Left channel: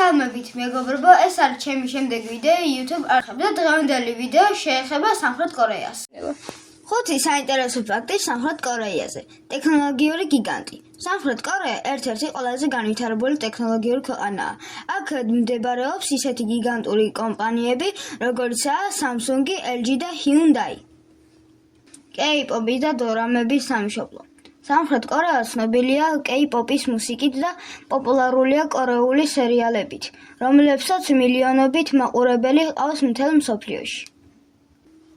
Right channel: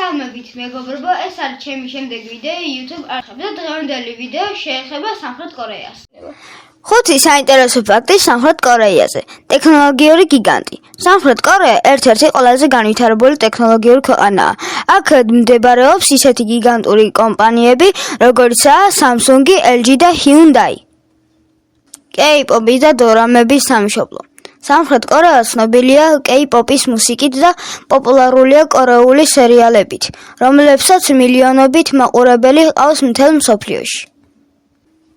მოგესალმებით მეგობრებო, ეს არის ჩემი შემდეგი ვიდეო YouTube არხებზე და დღევანდელი ვიდეო შეეხება სამხრეთ კორეას. 5 საინტერესო ფაქტი სამხრეთ კორეაზე. ტექნოლოგიური გიგანტი. სამხრეთ კორეა ერთ-ერთი ყველაზე განვითარებული ტექნოლოგიური ქვეყანაა. აქ მდებარეობს ისეთი გიგანტური კომპანიები, როგორიცაა Samsung, LG და Hyundai. K-pop-ის და დორამების სამშობლო. სამხრეთ კორეა ცნობილია K-pop-ის მუსიკით და პოპულარულია კორეული სერიალებით, რომლებსაც მილიონობით მაყურებელი ჰყავს მთელ მსოფლიოში.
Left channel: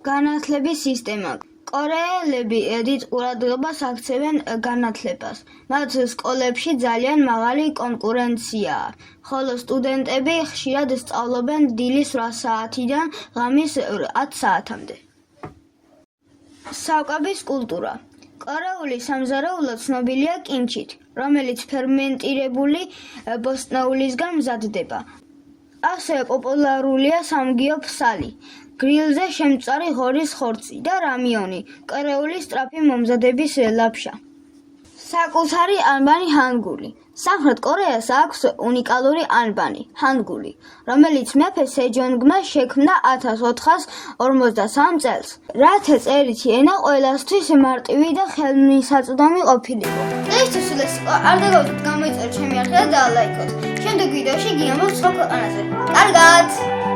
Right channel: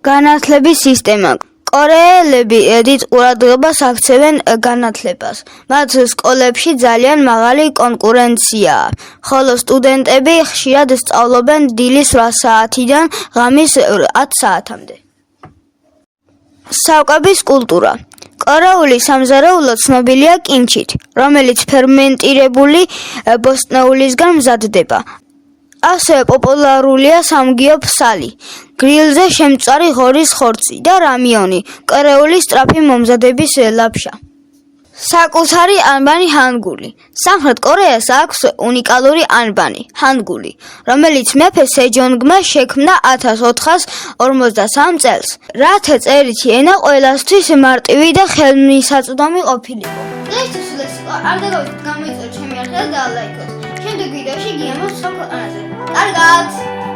განათლების სისტემა. კორეელები დიდ ყურადღებას აქცევენ განათლებას. მათ სკოლებში ძალიან მაღალი კონკურენციაა, ხოლო სტუდენტები ხშირად სწავლობენ დილის 8 საათიდან ღამის 10 საათამდე. საკვების კულტურა. კორეული სამზარეულო ცნობილია კიმჩით, რომელიც ფერმენტირებული ბოსტნეულისგან მზადდება. ასევე პოპულარულია სამგიო ფსალი, გრილზე შემწვარი ღორის ხორცი და რამიონი, კორეული სწრაფი მომზადების ლაფშა. საკუთარი ანბანი ჰანგული. სამხრეთ კორეას აქვს უნიკალური ანბანი, ჰანგული, რომელიც მეფე სეჯონგმა შექმნა 1453 წელს, რათა წერითი ენა ყველასთვის მარტივი და ხელმისაწვდომი ყოფილიყო. დღეისთვის ეს არ დაგავიწყოთ, გამოიწერეთ ჩემი არხი და დაალაიქოთ. შემდეგ ვიდეოში გიამოვთ სხვა ქვეყანაზე. კარგად!